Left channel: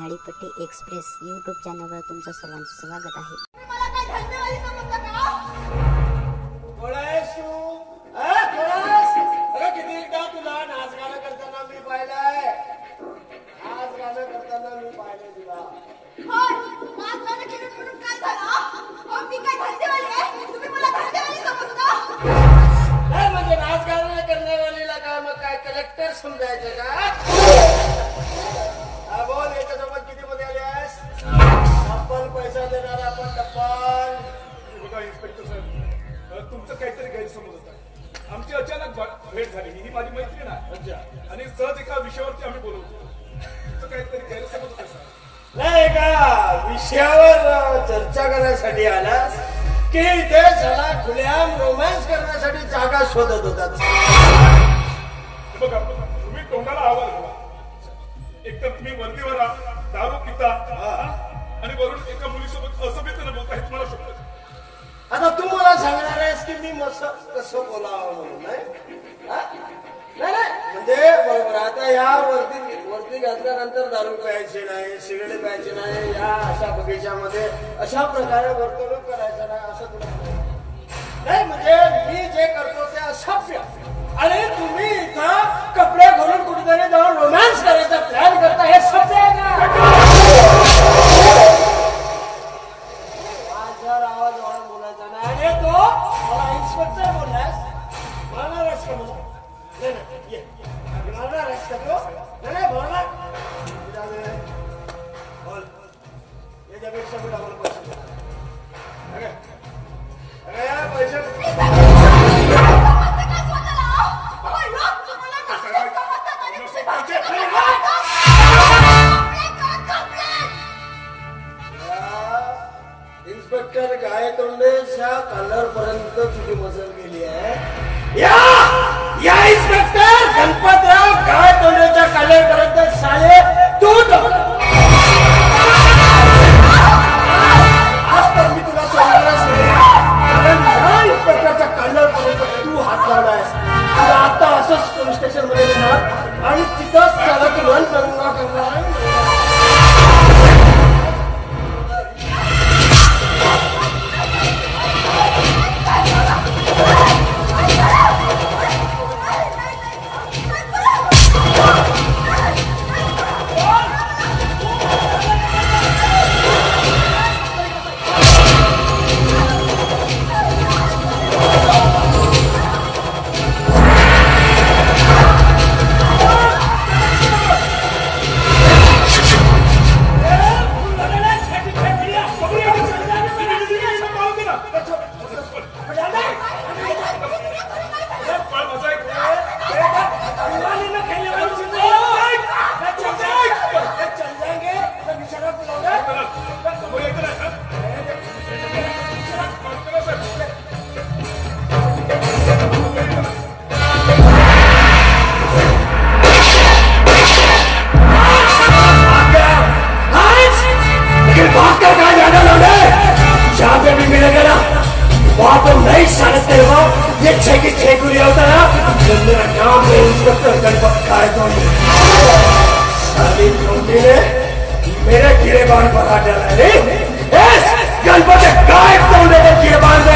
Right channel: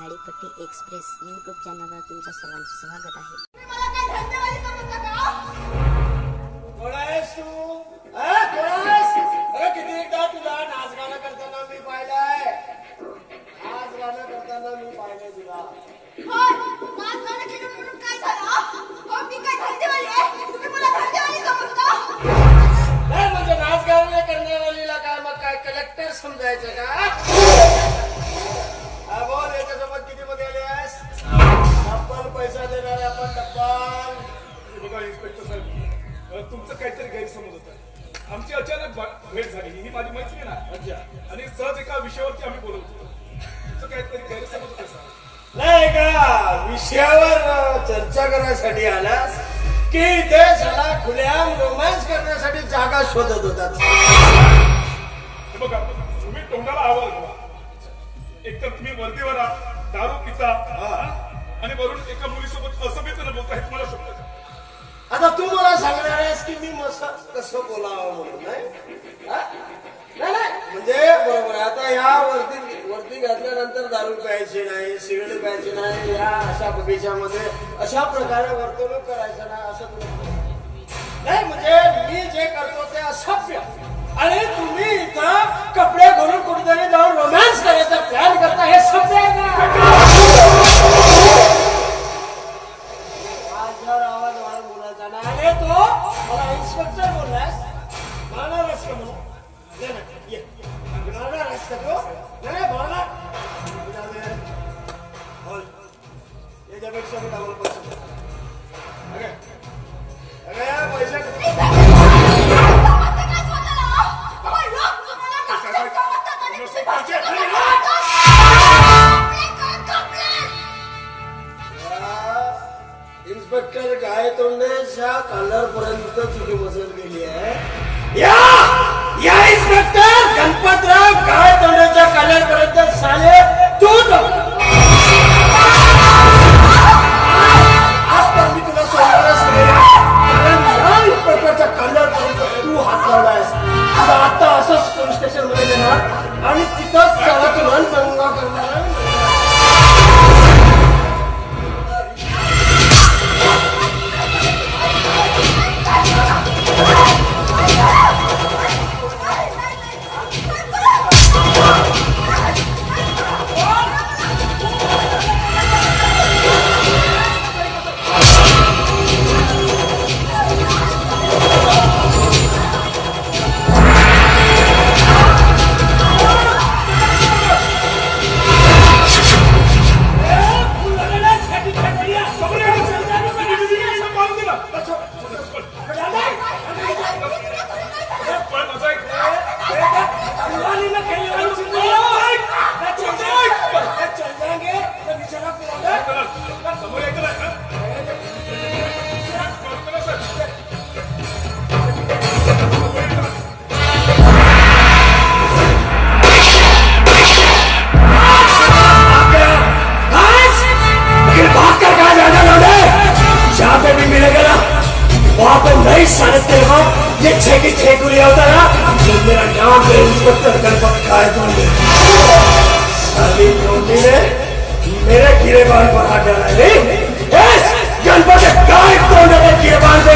Zadipatti express YouTube चॅनलवर तुमचं सर्वांचं स्वागत आहे. किती एकदा तुला नाच गाणं करताना मी पाहिलंय. नाच गाणं करताना मी पाहिलंय तुला. नाच गाणं केलं म्हणून काय झालं? मी काय धंदेवाली आहे? तुम्ही मला धंदेवाली समजता? नाही म्हणजे नाच गाणं करणाऱ्याला काय मग काय कलेक्टर समजायचं का? बोल याच्यासोबत किती मध्ये आलेस? टप्पल पैसा देणार आपण टप्पल. बघा इन्स्पेक्टर साहेब, तुमचं काहीतरी गैरसमज होता. आमची अचानक भेट झाली. ही माझी मैत्रीण आहे आणि सहज एका विषयावरती आम्ही बोलतो. तुमचं काहीतरी गैरसमज होतं सर. नाही का विषयावर चर्चा करण्यासाठी आलास की इथे सगळा खुल्याम रोमॅन्स करण्यासाठी जागा शोधत होतात? बघा तुम्ही तोंडाला आवडला. एकतर तुम्ही वर्दीवर दारू पिता आणि वरून एका मुलीसोबत असभ्यतेने बोलता हे तुम्हाला शोधत. आता तू मला सांगणार आहेस की मी मस्त कसं बोलावं म्हणून? नाही म्हणजे बरोबर. आता या वरती घातल्यानंतर दारू प्यायची नाही, सिगरेट प्यायची नाही, या अशा बगीच्यामध्ये अशा प्रकारे वर्तणूक करायचं नाही असं तुला नाही. म्हणजे मी जे करतो ते असभ्य आणि तुम्ही इथं कपडे घालून कुठेतरी जाऊन रोमॅन्स करायचा प्लॅन करता, हे सभ्य आहे का? माझ्यावर आवाज वाढ बोलायचा नाही. आणि तो मला इन्स्पेक्टर बोललास म्हणणार आहेस का? म्हणून म्हणणार आहेस का तो? नाही बोला बोल. याच्यापेक्षा मी डबल पैसे इन्स्पेक्टर गायतोंडेच्या कॉलर पर्यंत तुझी मजल गेली आहे. या इन्स्पेक्टर गणपतराव गायतोंडेच्या कॉलर पर्यंत साले तू आज तर मी तुला सोडणारच नाही. कारण या इन्स्पेक्टरच्या कॉलर पर्यंत तू हात लावलायस. तुला आता असंच पोलीस स्टेशन मध्ये देणार आणि तिथंच सगळं तू रन करणार. मेरे कीड़े बाल पकड़ा जा रहा है. गणपति गाय कीड़े बाल दे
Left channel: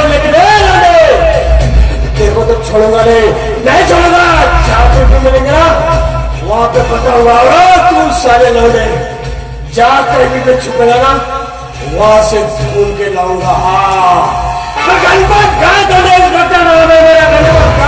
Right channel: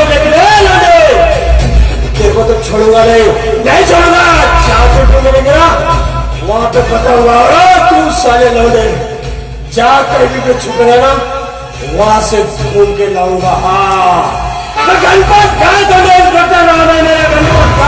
तेरे को तो छोड़ूंगा नहीं छोड़ूंगा. जहाँ पे भी मिलेगा वहां पे पता हुआ तू सारे लौटे. जा कहीं भी छुपेगा ना वहां से ढूंढ के लाऊंगा. हाँ गणपत गाय तो नहीं, मेरा गणपत